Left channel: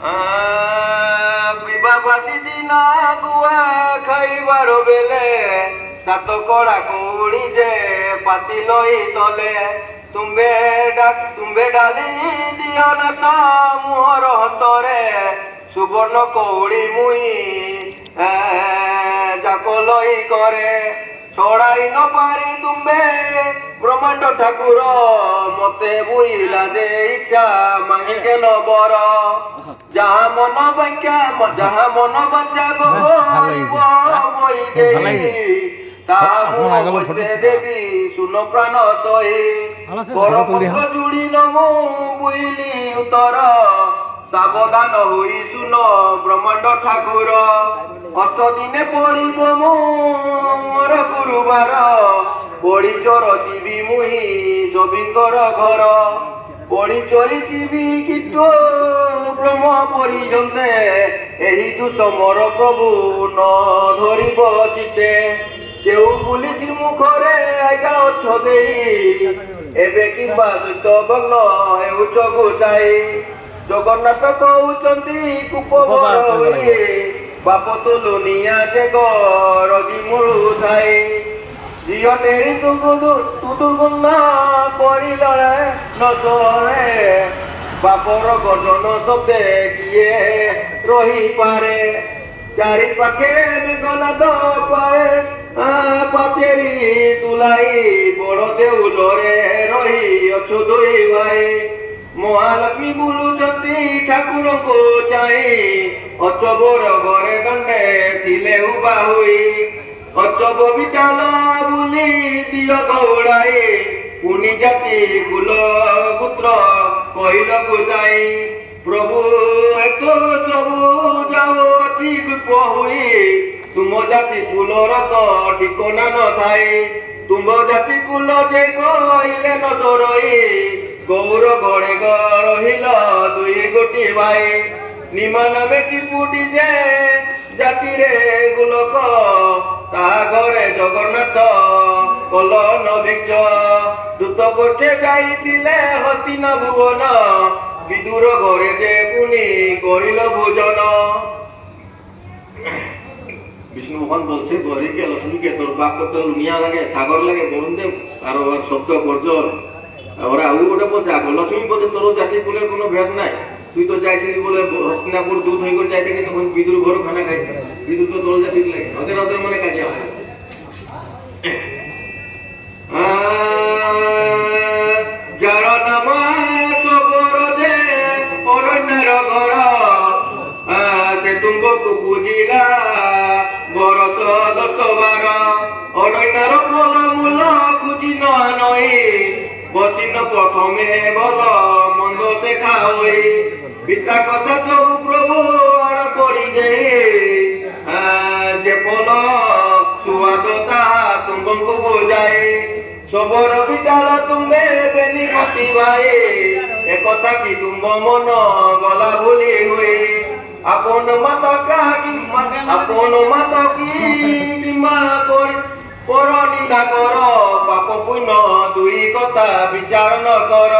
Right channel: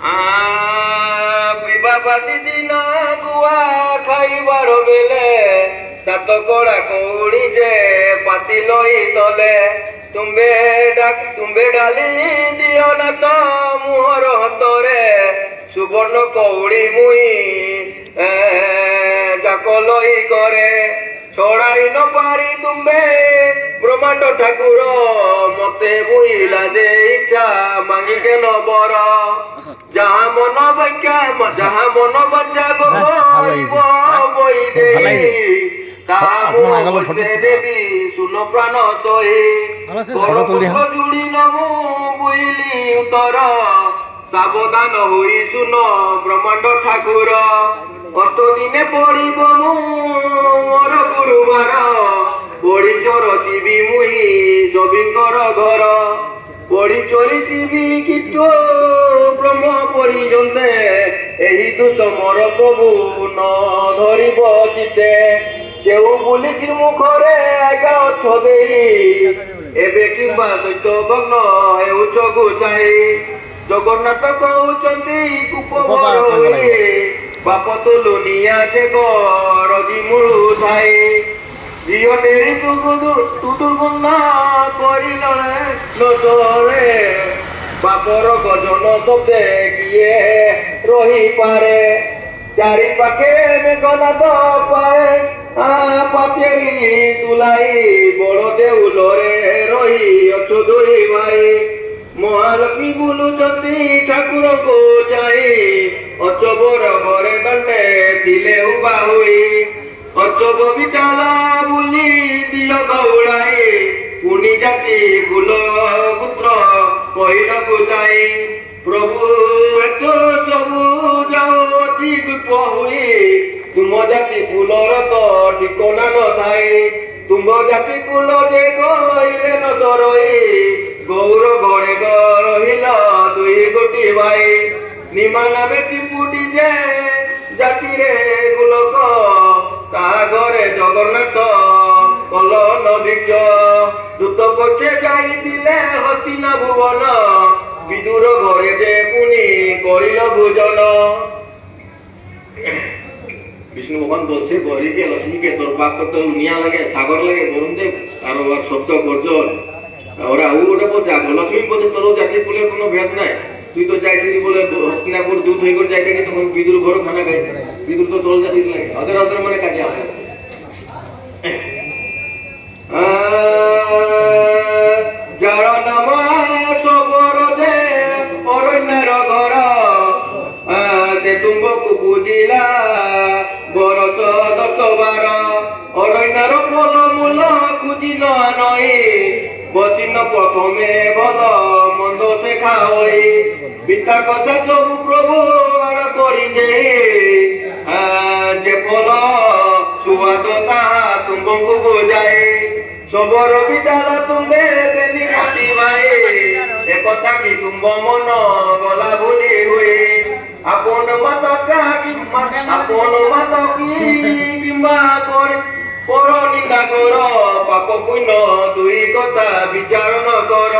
ପିବା ବାସି ଦିନ ଗୁଆ ଖାଇବାର ବେଲେ ସାତ କଡ଼ା କଉଡ଼ି ଯେ ପାତି ଲଇ ତଲେ ତୁମ୍ବେ ଡାଲି ଦିଅ ନା ତ ମୁହଁର ହସ୍ତରେ ସୁବର୍ଣ୍ଣ କଉଡ଼ି ମୁଇଁ ଯାକ ଲଇ କରେ ଛଡ଼ାଇ ନ ପାରି ତୁମ୍ବେ ବ୍ରହ୍ମାଣ୍ଡ ଠାକୁର ମତେ ବୁଇଲା ଯେ ଇଚ୍ଛା ମାଗିକେ ନ ବର ଯାହା ମନ ବାଚ୍ୟା ବହି ଦେଇ ତାହା ମୁଁ ଦେବି ଶୁନ ପ୍ରାଣ ସହି ଯୋଡ଼ି ନ ମୁଁ ବୁଇଲି ଉତ୍ତର ସାବଧାନ ହୋଇ ଶୁନ ବ୍ରହ୍ମାଣ୍ଡ ଠାକୁର ଅଷ୍ଟ ଦିନେ ପଡ଼ିବ ମୁଁ ମୋର ଗୁରୁବାର ପଡ଼ି ଚୋର ଯିବି ମୁହିଁ ସଭିଙ୍କର ଘର ପଡ଼ି ଚୋରି ଯିବି କିଟୁ ବ୍ରହ୍ମ ପର୍ଯ୍ୟନ୍ତେ ଏହି ଦୁଃସମର ପ୍ରଭୁ ନ ଧରିବ ଚିତେ କେଉ ପୁଲିସ ମୁଖରେ ଆଜ୍ଞା ଅଛ ଦେଇ ଏବେ କିମ୍ବା ସହିତ ଭଗ୍ନ ହେଉଛ ଗୋସାଇ ଜଗନ୍ନାଥ କହୁଛନ୍ତି କୁପ ବାପ ତୁଲୁ ନିଆ ଯେ ଗରଜି ମୂଳୁ ଥାଇ ଝିଅ ଟେରି ତୁଦୁର୍ଗନା କରିଲା ନସରେ ବାପର ଗଜନ ଶବ୍ଦେ କିଏ ରହିପାରେ ଚାରି ପାଖେ ମେଘନାଦ ପାଚେରୀ ତୁଲାଇ ବଡ଼ ଦେଉଲରେ ରହି ଅଛୁ ଦୁଇ ଭାଇ ମହାଲକ୍ଷ୍ମୀ ବୁଲୁଛନ୍ତି ଠାକୁରଙ୍କୁ ଚାହିଁ ଅଚବର ଘରେ ଦଣ୍ଡେ ଥିଲେ ଉବା ହୋଇ ଅଚବ ବିଟାଲା ବୁଲି ଦିଅ ଗଉଡ଼ାଇ ପୁନି ଜାତି କୁଲ ପୁତ୍ର କହିଲ ଗୋସାଇ ପ୍ରଭୁ ଏତ ସବୁ ଯାଉଅଛି ଗୁପ ହୋଇ ତୁମ ଜାତି କୁଲର ତ ଠିକଣା ନଥାଏ ତୁମ ଜାତି କୁଲ ଯେ କହିଲେ ନ ସରଇ ଗୌର ଘରେ ରହିଲା ଦୁଇ ଗୋଟି ଭାଇ ନିମା ନାମେ ଚିପୁଟି ଯେ ଜାତିରେ ଗୋଲକ ତାହା ଘରେ ଜଗନ୍ନାଥ କଲ ନଭିକ୍ଷ ଦୂତ ପଛେ ଯାଇଥିଲେ ହସ୍ତିନା ଭୁବନ ବିଦୁର ঘরে যে পুনি করিল ভোজন বিষ্ণু ভগবান বলছে গরিকে লক্ষ্মীকে তোর বাপ কত নিয়া লাগে সাগর লাগে বরুণ দেব আর শব্দ বর্জন ওরা ওটা বলছে আর লক্ষ্মী বলছে তোর জাতি ফুলের কোনো ভেদ নাই তুই তো যাইছিলি বলে হস্তিনাপুর দুধ হয়ে করে যাইতে গিয়ে তখন বিদুর ঘর খানা খাই বিদুর তো তোর জাতি লাগে ওদের মানে কাজে হয় যার নামা সবর যে অরণ্যের ঘর সে তুম্বকু বুঝিলা বরস 10-12 অরণ্যের ফল মূল খুঁজি নই বসিন প্রথমে বল মন্দ শেখা হই পিতা কথা সবু প্রভু অণ করি দে যে ফল সুয়াদ তাহা তুম্বকু বোঝাই সবর বিটাল তুমে বেনি পাটি ভাই একথা কি তুম্ব মন গলা ভুলি হুই আপন মাতা কি কিম্বা পর নিন্দা কর পাপ পুণ্য দুই কথা বিচার ন কর